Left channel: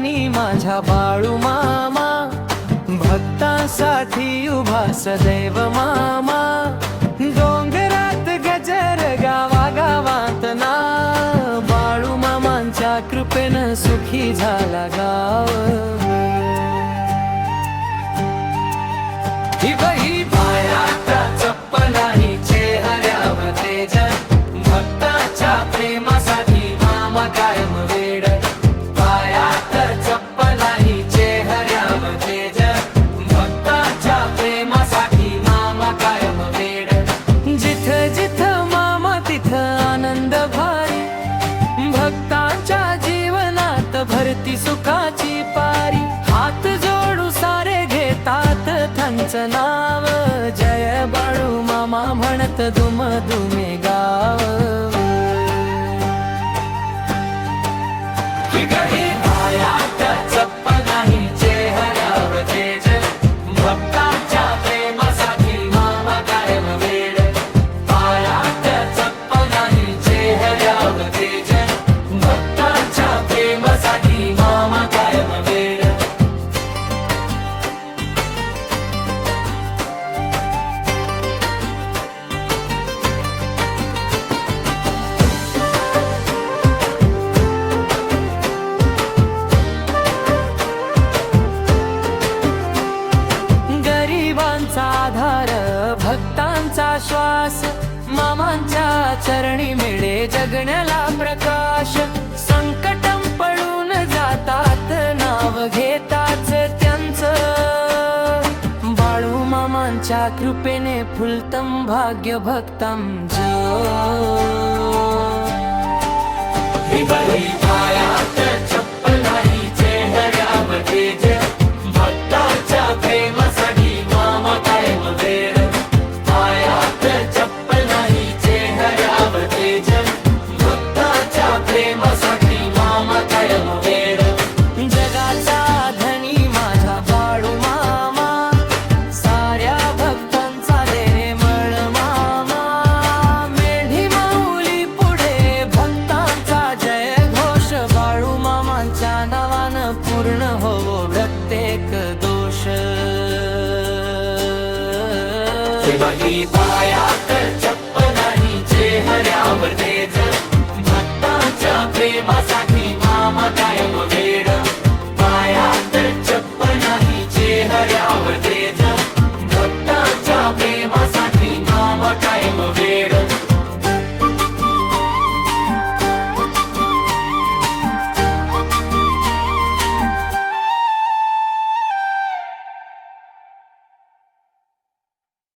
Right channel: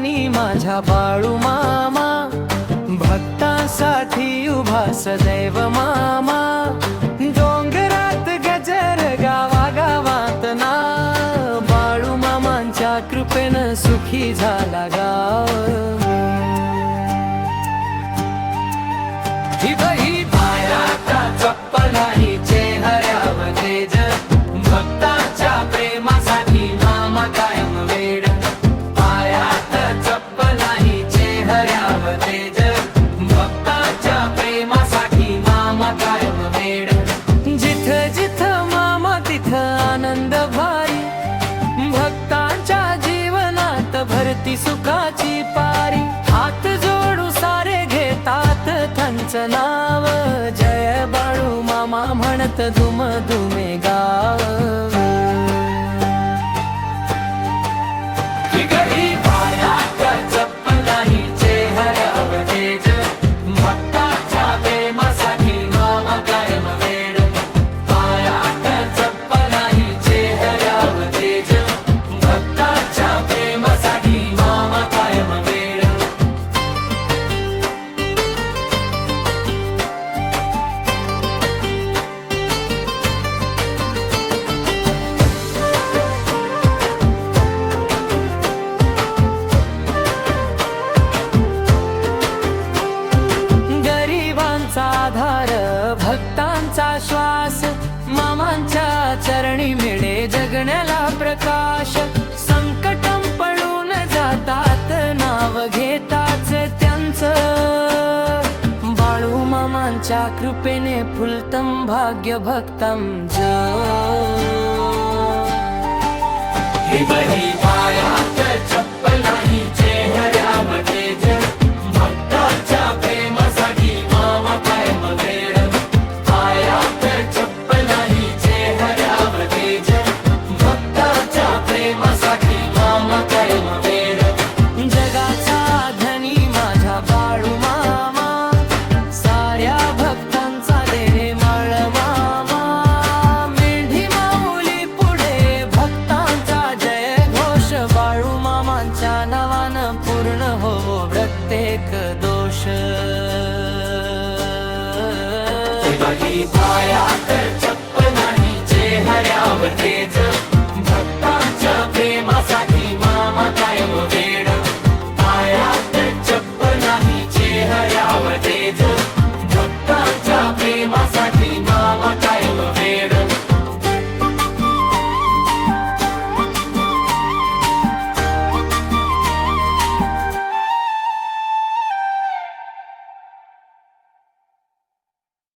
अंतर्यानी माझ्या बाळू मामा, भक्तांसाठी उभा सदैव मामा. डोंगरात गजर गावागावात ना, बाळू मामांच्या कृपेनं सुखी झाला गाव. ही बही पायात चप्पल नाही, चेहऱ्यावर तेज, भक्ताच्या प्रेमासाठी मामा कायम वेड. पायात चप्पल नाही, चेहऱ्यावर तेज, भक्ताच्या प्रेमासाठी मामा कायम वेड. जिथं जिथं मामा तिथं आनंद भारी, भक्तांच्या जीवनात भरती सुखाची पारी. हात जोडू सारे घेतात त्यांचं नाव, जय बाळू मामा म्हणत दुम दुमे गाव. पायात चप्पल नाही, चेहऱ्यावर तेज, भक्ताच्या प्रेमासाठी मामा कायम वेड. पायात चप्पल नाही, चेहऱ्यावर तेज, भक्ताच्या प्रेमासाठी मामा कायम वेड. गरिबांचा आधार, भक्तांचा श्वास, मामांच्या चरणी मिळे जगण्याला प्रकाश. संकटं पळून जातात, नाव घेताच त्यांचं, बाळू मामांच्या कृपेने फुलतं भाग्य भक्तांचं. हे बाई पायात चप्पल नाही, चेहऱ्यावर तेज, भक्ताच्या प्रेमासाठी मामा कायम वेड. पायात चप्पल नाही, चेहऱ्यावर तेज, भक्ताच्या प्रेमासाठी मामा कायम वेड. जगाचा धनी माझा बाळू मामा, साऱ्या भक्तांचा देणे मळ मामा. मेढी माऊली पुढे भक्तांचा जय घोष, बाळू मामांच्या नावानं पूर्ण होवो प्रत्येक दोष. पायात